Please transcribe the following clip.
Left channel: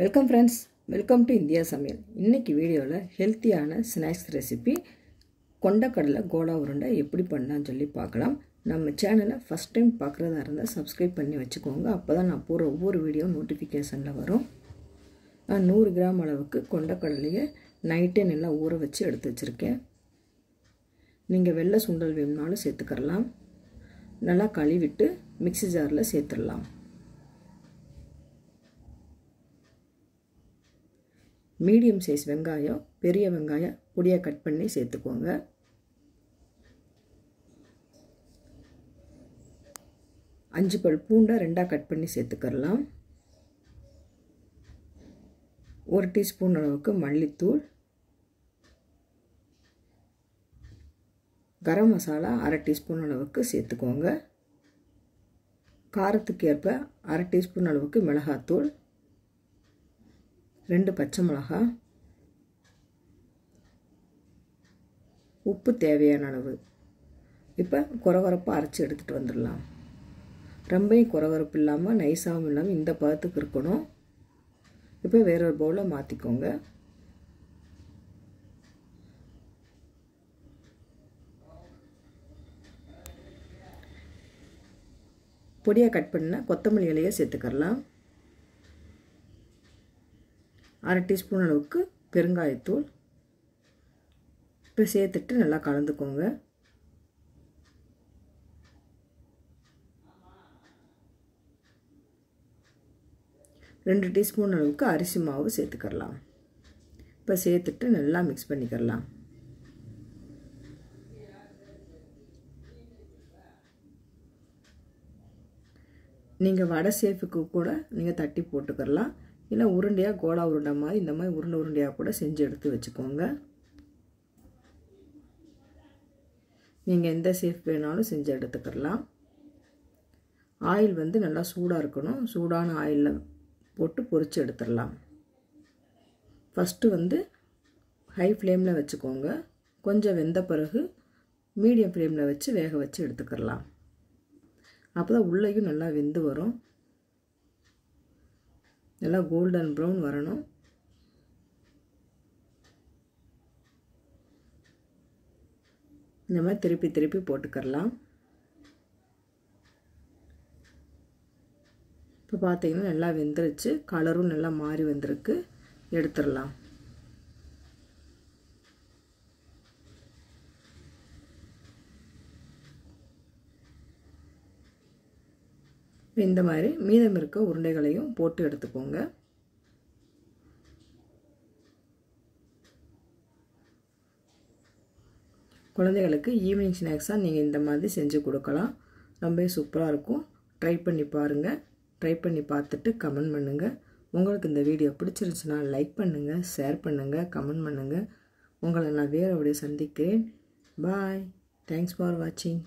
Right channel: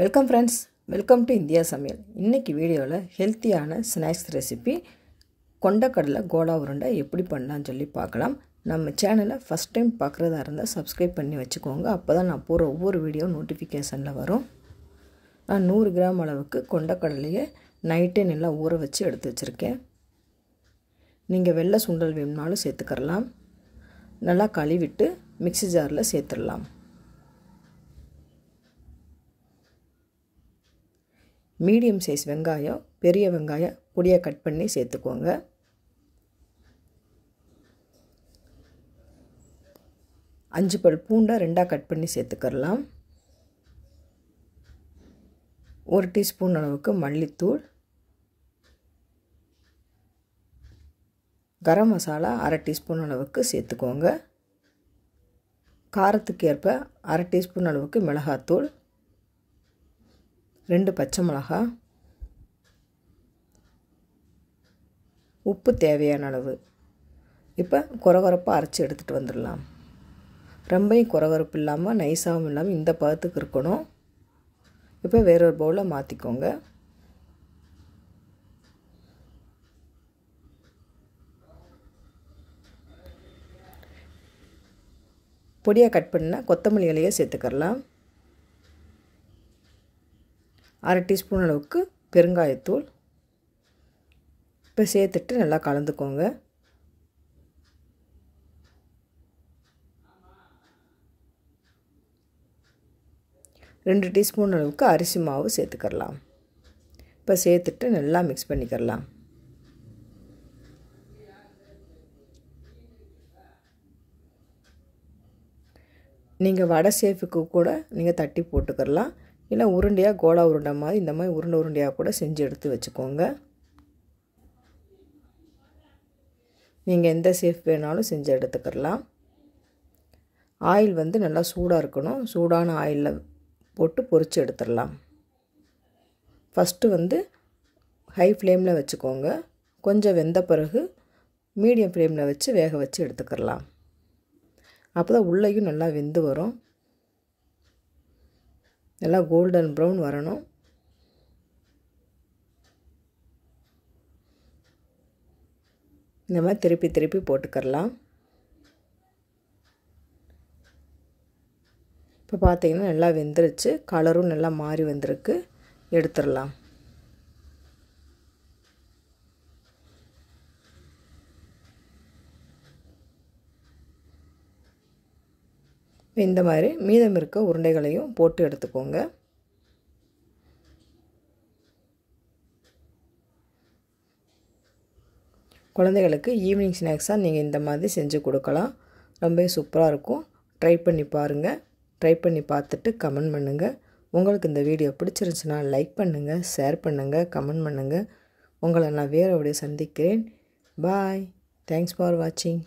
Welcome friends, welcome to India சமையல். இன்றைக்கி வீடியோவில் ஹெல்த்தியான ஸ்நாக்ஸ் ரெசிபி கொண்டக்கடலை கோலா உருண்டை எப்படி பண்ணலான்னு சொல்லி பார்க்கலாம். நம்ம சேனலை ஃபஸ்ட் டைம் பார்க்குறதா இருந்தால் சப்ஸ்கிரைப் பண்ணி வச்சுக்கோங்க. அப்போ தான் நான் போகிற ஒவ்வொரு வீடியோ நோட்டிஃபிகேஷனில் வரும். நான் 100 கிராம் அளவுக்கு கொண்டக்கடலையை நைட்டே நல்லா ஊற வச்சு எடுத்து வச்சுருக்கேன். நீங்கள் வெள்ளை சுண்டல் வேணும்னாலும் சேர்த்துக்கரலாம். நல்லா கழுவிட்டு மிக்ஸி ஜாரில் சேர்த்துடலாம். மீடியம் சைஸ் வெங்காயம், பெரிய வெங்காயம் பொடியாக கட் பண்ணி சேர்த்துக்கோங்க. அஞ்சு பல் பூண்டை 2ஆக கட் பண்ணி சேர்த்துக்கரலாம். 1 டீஸ்பூன் அளவுக்கு மல்லித்தூள், கரம் மசாலா 1/2 டீஸ்பூன் அளவுக்கு சேர்த்துக்கோங்க. காரத்துக்கு ஏற்ப 1/2 டீஸ்பூன் அளவுக்கு மிளகாத்தூள், 2 பச்சை மிளகாய், உப்பு தேவையான அளவு. இப்போ கொரகொரப்பாக அரைச்சி எடுத்துகிட்டு வந்துடலாம். ரொம்பவும் கொரகொரப்பு இல்லாமல் நைஸாகவும் இல்லாமல் இந்த பதத்துக்கு இருக்கணும். இப்போ வேறொரு பவுலில் மாற்றிக்கோங்க. பொடியாக கட் பண்ண கொத்தமல்லி இலையை சேர்த்துக்கரலாம். 1/2 டீஸ்பூன் அளவுக்கு பெருங்காயத்தூள். இப்போ சேர்த்துட்டு நல்லா கலந்துக்கோங்க. ரெண்டு டீஸ்பூன் அளவுக்கு அரிசி மாவு சேர்த்துக்கரலாம். இப்போ சேர்த்துட்டு நல்லா மிக்ஸ் பண்ணிக்கரலாம். நீங்கள் வடை சேஃபுக்கு கூட நீங்கள் தட்டி போட்டுக்கரலாம். இல்லை உருண்டையாக கோலா உருண்டை மாதிரி இந்த மாதிரி உருண்டையாக கூட செஞ்சு எடுத்து வச்சுக்கோங்க. நீங்கள் எந்த சேஃப் வேணாலும் செஞ்சு எடுத்துக்கலாம். ஆயில் நல்லா சூடாக இருக்கணும். சூடான ஆயிலில் போட்டு பொரித்து எடுத்துடலாம். ஃபஸ்ட்டு ஹை ஃப்ளேமில் வச்சுக்கோங்க. கொஞ்சம் வெந்த பிறகு மீடியம் ஃப்ளேமில் வச்சு வேக வச்சு எடுத்துக்கலாம். அப்போ தான் உள்ளேயும் நல்லா வெந்து வரும். நல்லா கோல்டன் ப்ரௌன் வரணும். இந்த மாதிரி திருப்பி திருப்பி போட்டுக்கரலாம். இப்போ பார்த்தீங்கன்னா நல்லா வெந்துருச்சு. கலரும் நல்லா மாறி வந்திருக்கு. எடுத்துடலாம். இந்த மாதிரி மீதம் இருக்க உருண்டைகளையும் போட்டு எடுத்துக்கோங்க. குழந்தைகளுக்கு ஈவினிங் ஸ்நாக்ஸாக நீங்கள் இந்த மாதிரி செஞ்சு கொடுக்கலாம். ரொம்ப சூப்பராக இருக்கும். ட்ரை பண்ணி பாருங்கள். ட்ரை பண்ணி பார்த்துட்டு கமெண்ட் பண்ணுங்கள். உங்களுக்கு இந்த வீடியோ பிடிச்சிருந்துச்சுன்னா லைக் பண்ணுங்கள், ஷேர் பண்ணுங்கள், கமெண்ட் பண்ணுங்கள். உங்களை நான் வேறு வீடியோ சந்திக்கிறேன். பாய். தேங்க்ஸ் ஃபார் வாட்சிங்.